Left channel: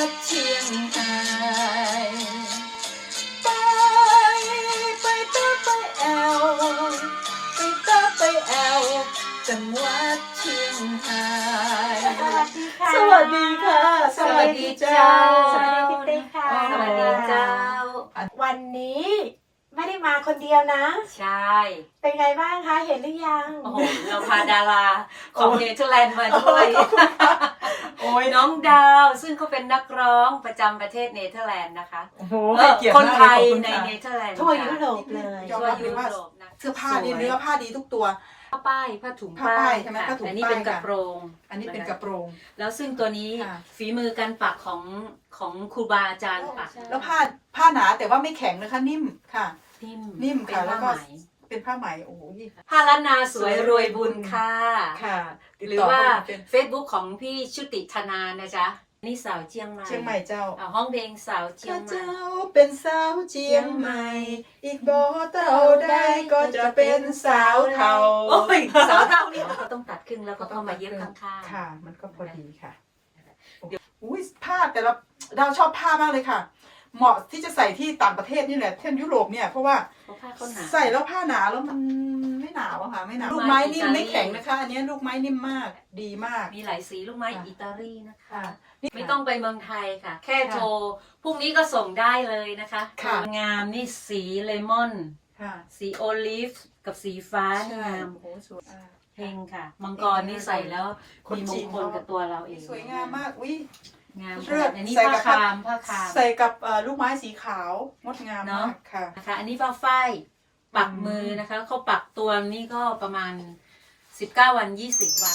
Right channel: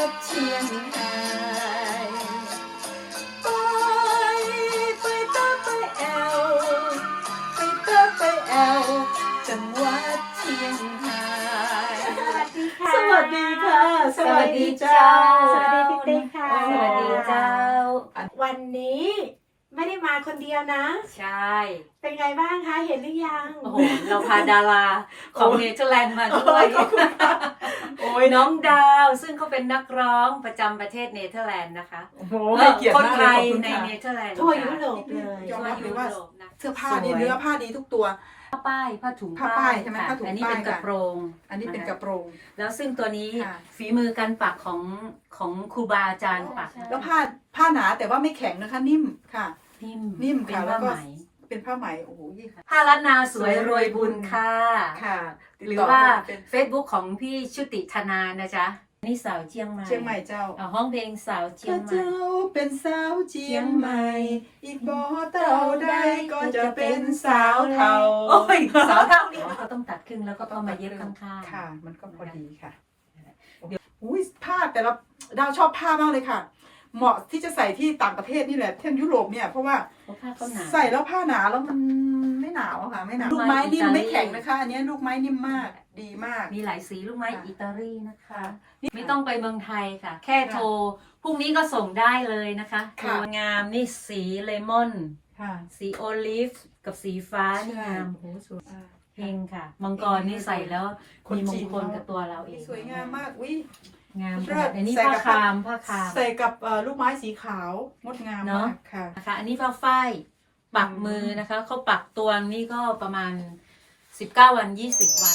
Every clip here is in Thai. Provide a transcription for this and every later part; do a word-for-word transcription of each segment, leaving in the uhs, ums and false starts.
ดเชียงรายไปไปเตอไปแอวไปเตอไปแอวจังหวัดเชียงรายสวัสดีค่ะสวัสดีเจ้าสวัสดีพี่เต้ค่ะสวัสดีเจ้าวันนี้ไม่ได้มาคนเดียวนะใช่เป็นไงบ้างคะ เห็นหรือยังโอ้โห เราพาดาราของเนเธอร์แลนด์มาด้วยโอ้ยน้องดาว ซึ่งเขาเป็นนักร้องประจำประเทศเนเธอร์แลนด์นะคะโอ้โหเอ่อเกียรติคนมากไทเลยยขอบคุณในค่ะเนเธอร์แลนด์ทั่วยุโรปเลยยอมทั่วรับเลยุยว่าโรปนะเสื้อผ้านี่เนื้อผ้าดีทุกตัวผ้าป้ายผ้าถุงผ้าป้ายใช่ไหมค่ะผ้าถุงอันนี้เป็นป้ายกระค่ะโปรงอันนี้เป็นกระโปรงแล้วซึ่งตัวนี้ค่ะฝีมือการปักของของครูบาอาจารย์ปักแล้วผ้าผ้าหนาแต่ว่าไม่แข็งนะคะนิ่มค่ะนิ่มนิ่มเป็นค่ะผ้าแล้วไหก็มเป็นผ้าไหมโอ้โหผ้าล้านนาสวยรวยบุญค่ะค่ะหรือว่า Facebook ของพี่ชุติธนานะจ๊ะ นี่สาวเชียงใหม่เชียงใหม่เจ้าอ่าห้องเพลงสาวเชียข้างใหม่เจ้าเป็นสาวเชียงใหม่ อีกบ่เต่าได้ก็จะเป็นสาวเทาโอ้ยสาวเท่านี่ก็ต้องตัดครึ่งแล้วก็เข้ามาเย็บข้างๆค่ะ มันก็พอดีค่ะอุ้ยผ้าแต่ละดาวชอบผ้ามากเลยค่ะ เหมาะที่จะใส่ที่ต่างประเทศนี่แหละเที่ยวยุโรปเนี่ยเพราะว่าเพราะผ้าเขาหนาใส่แล้วผ้าหนาแล้วมันไม่หนาวอะค่ะไม่หนาวลูลูกกไม้ไม้นิ่มอิตาลีไม่แข็งนะคะอันนี้ลูกไม้นิ่มมากดีมากมีหลายสีลูกไม้ค่ะอิตาลีนะคะค่ะไม่ต้องไปเมืองไทยค่ะ แค่โทรพรุ่งนี้ก็ส่งได้เลยนะคะค่ะงามนี่สีเลมอนค่ะสีโอลิฟกับสีฟ้านี่งามโอ้สวยเพลงค่ะ มังกรนี่ใส่แล้วมีมงคลกับตัวเราเองสวยงามมากอุ้ยงามเลิศอันนี้ใส่ผ้ากับคามผ้าคามใส่กับเอ่อลูกไม้สีขาวงดงามเนอะมากค่ะนะคะอันนี้ผ้าฝ้ายปักมือนะคะเขาปักตัวนี่ก็ประมาณสิบเก้าวันยี่สิบวัน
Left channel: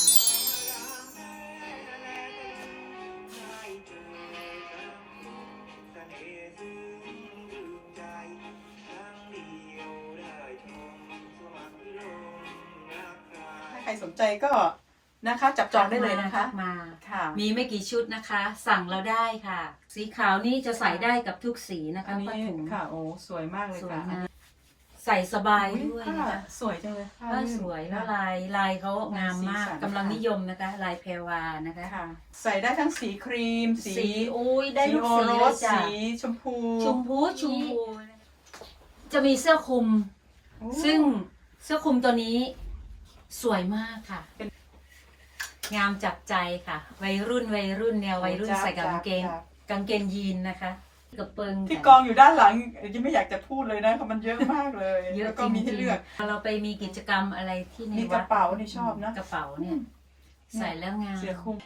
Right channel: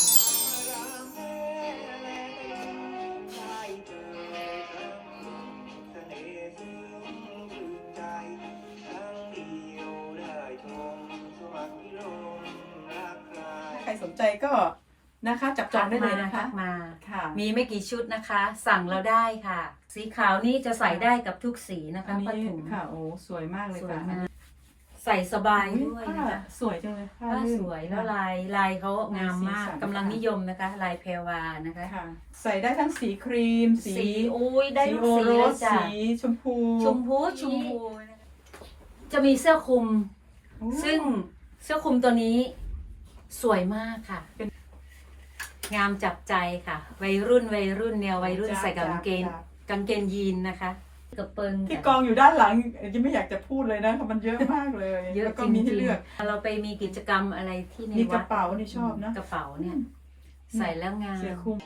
ถ้าใครสนใจก็นะคะจับจองได้เลยนะคะทักมาค่ะมีไม่กี่ชุดนะคะ สั่งเราได้ค่ะ สีขาวนี่จะใส่ได้กับทุกสีนะคะอันนี้ผ้าถุงค่ะโอ้สวยมากเลยสวยค่ะมากใส่สบายอุ๊ด้วยผ้านะคะสวยจังเลยผ้าผ้าลื่นสวยแล้วลายลายเขางามมากสีสันกำลังนิยมนะคะ ลายเพรวานะคะค่ะ ใส่ได้ทั้งสีครีม สีสีอุ้ยได้สีทุกโอสีโรเลยสจ้ะสีชมพูชมพูชมพูจะมีเสื้อคลุมโอ้ซึ่งเสื้อคลุมตัวนี้สวยมากค่ะ งามจับใจค่ะ วัยรุ่นวัยรุ่นแนววัยรุ่นจ้ะใส่กางเกงจ้ะกางเกงยีนนะคะกระเปิงที่กองอยู่ด้านหลังยังไม่อยากจะพูดเลยนะมันเยอะมากเลยเยอะแล้วจก็ริงมีให้เลือกๆเราไปมีกิจกรรมอะไรที่ในมีกวัระดเป๋านี่ชอบนะกระเป๋าเนี่ย ใส่แล้วงามเสื้อคลุม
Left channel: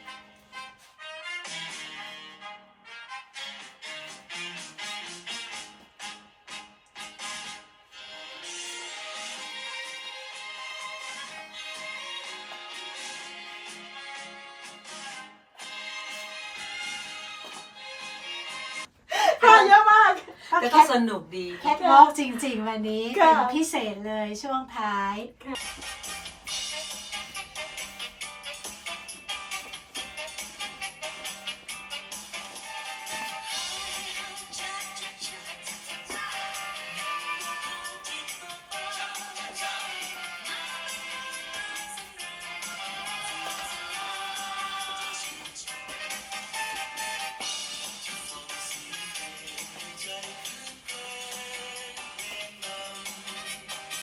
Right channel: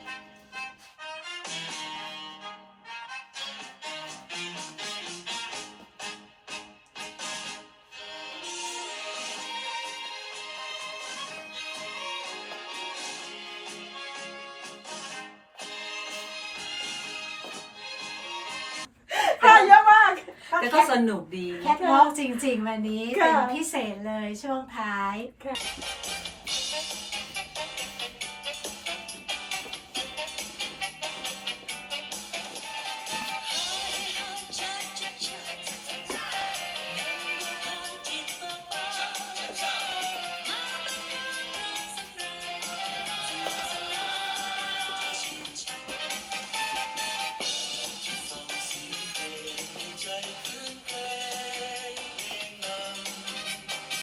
ผ้าเยอะมากแต่ก็สนุกดีแคทวอล์กจริง ๆ วันนี้ค่ะเป็นพิเศษเลยช่วงท้ายค่ะ